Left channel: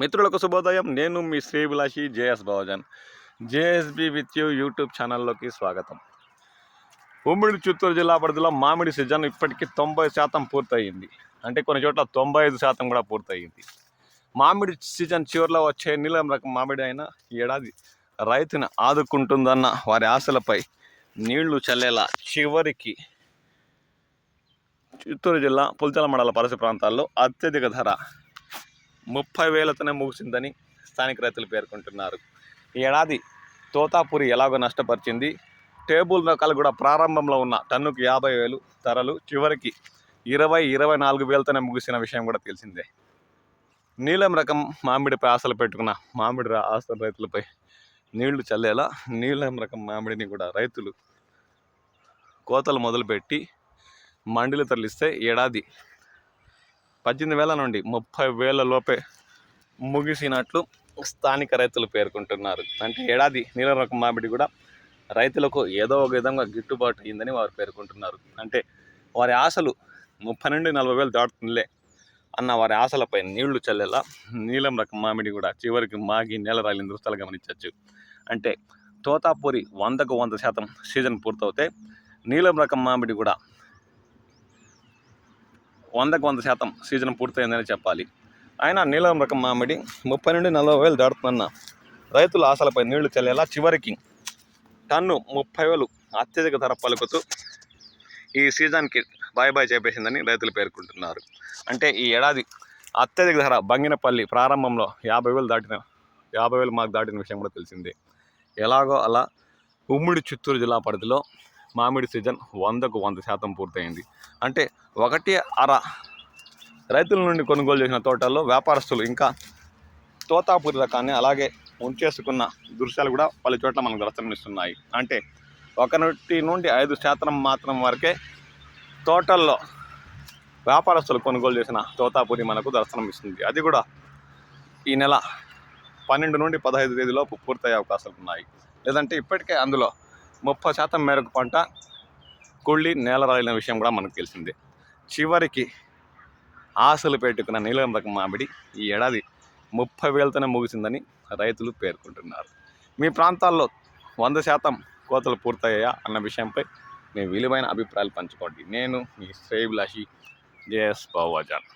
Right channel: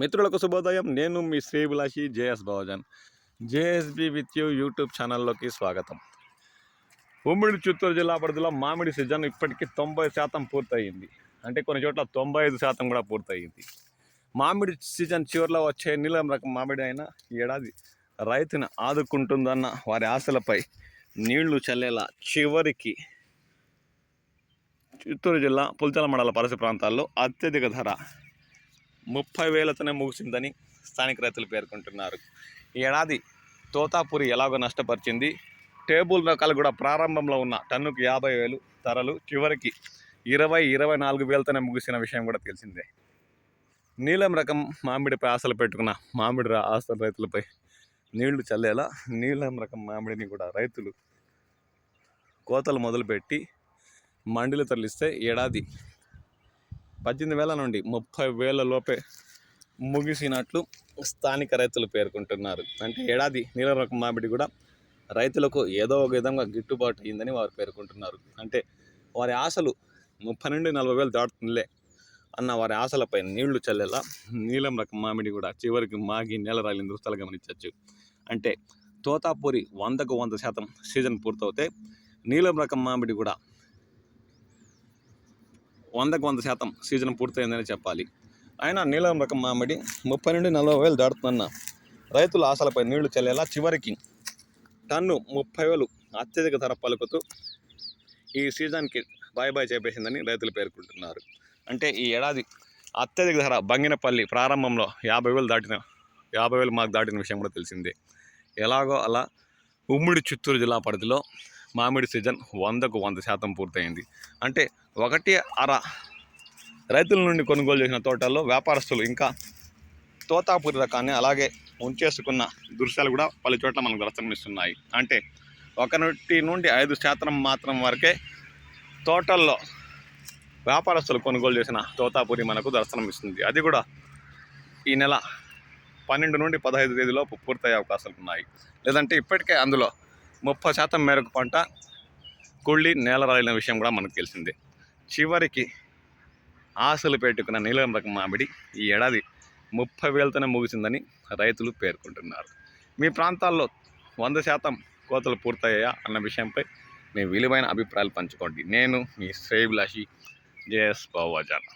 మిత్రులకు శుభోదయం. నేను మీ శ్రీభిలాషి JS Bavajan. JSB with you YouTube ఛానల్లోకి స్వాగతం. ఉమ్మడి చిత్తూరు జిల్లా పరిధిలో మామిడి సీజన్ ఇప్పటికీ 90% పూర్తయింది. అంటే కొన్ని చోట్ల 95% కూడా పూర్తయింది. మామిడి సీజన్ చివరిలో వచ్చే నీలం రకం మామిడి అయినా ఈ ఏడాది రైతుని ఆదుకుంటుందన్న వారి ఆశలపై నీళ్లు చల్లేలా చివరికి చిత్తూరు జిల్లా పుల్చల మండల పరిసర ప్రాంతాల్లో అత్యధిక ధర 30,000తోనే ముగిసిందని స్థానిక రైతులు పేర్కొంటున్నారు. ఈ ఏడాది తోతాపురి ఎలాగో నష్టపరిచింది. టేబుల్ రకాలు కూడా ప్రారంభంలో ఉన్న టన్నుకు 50,000 ధరలు చివరికి 24,000తోనే ముగిసిన విషయం కూడా తెలిసిందే. నీలం రకం మామిడిపై ఆశలు పెట్టుకున్న మామిడి ఆశల రైతులపై నీళ్లు చల్లేలా నీలం రకం మామిడిని కూడా రైతులు కోతలు మొదలుపెట్టి మండీలు తరలిస్తే ఏడాది 18,000 నుండి 30,000 లోపే ముగిసినట్లు స్థానిక రైతులు పేర్కొంటున్నారు. అంటే ఏడాది నీలం రకం మామిడి కూడా రైతులకు ఏదో ఒక విధంగా గిట్టుబాటు అయిందని వారు పేర్కొంటున్నారు. అంటే వారి ఆశలు 30 నుండి 40,000 దాటుతుందిలే అన్న వారి ఆశలపై నీళ్లు చల్లేలా నీలం రకం మామిడి కూడా చివరికి మాగి నేల రాలిన దృష్టాలు గమనించవచ్చు. అంటే తోతాపూరి 100కు 100% సీజన్ పూర్తవుతే నీలం రకం మామిడి కూడా 100కు 100% సీజన్ పూర్తయిందని చెప్పాలి. అయినా నీలం రకం మామిడి 30 నుండి 40,000 దాటుతున్న రైతుల ఆశలపై నీళ్లు చల్లేలా చివరికి టన్ను 30,000 అత్యధిక ధర పలుకుతూ ఈ సీజన్కి బాయ్ చెప్పేసిందని రైతులు పేర్కొంటున్నారు. అంటే ఈ ఏడాది అత్యధిక ధర బంగినపల్లి ప్రారంభంలో 50,000 మార్క్ దాటిన విషయం కూడా తెలిసిందే. ఎలాగో అలా ఉమ్మడి చిత్తూరు జిల్లా పరిధిలో మామిడి సీజన్ 100కు 100% పూర్తయింది. అంటే 1/2 రైతుల నుండి కొనుగోలు చేసిన తోటల్లో వ్యాపారస్తులు ఇంకా తోతాపూరి రకాన్ని అలాగే ఉంచేసుకున్న దృశ్యాలు కూడా పలు చోట్ల మనకు దర్శనమిస్తున్నాయి. అంటే 1 నుండి 5% మాత్రం వరకే తోటల్లో వ్యాపారస్తులు కొనుగోలు చేసిన తోతాపూరి మనకు దర్శనమిస్తుంది. అది కూడా ఈ నెల 12 నుండి 15 తేదీలోపు పూర్తయ్యే అవకాశాలు ఉన్నాయి. లేదంటే ఇప్పటికే అందులో 30% మేరకు పంట కుళ్ళి నేల రాలిన విషయం కూడా మనకు తెలిసిందే. చివరికి ఆశలు పెట్టుకున్న నీలం రకం మామిడి ఈ ఏడాది 30,000తోనే ముగిసిందని రైతులు పేర్కొంటున్నారు. మీ ప్రాంతాల్లో 100% కోతలు పూర్తయ్యాయా అన్న విషయంపై మీ విలువైన అభిప్రాయాలు పంచుకోండి. నేను మీ శ్రేయభిలాషి జేఎస్ బావజాన్.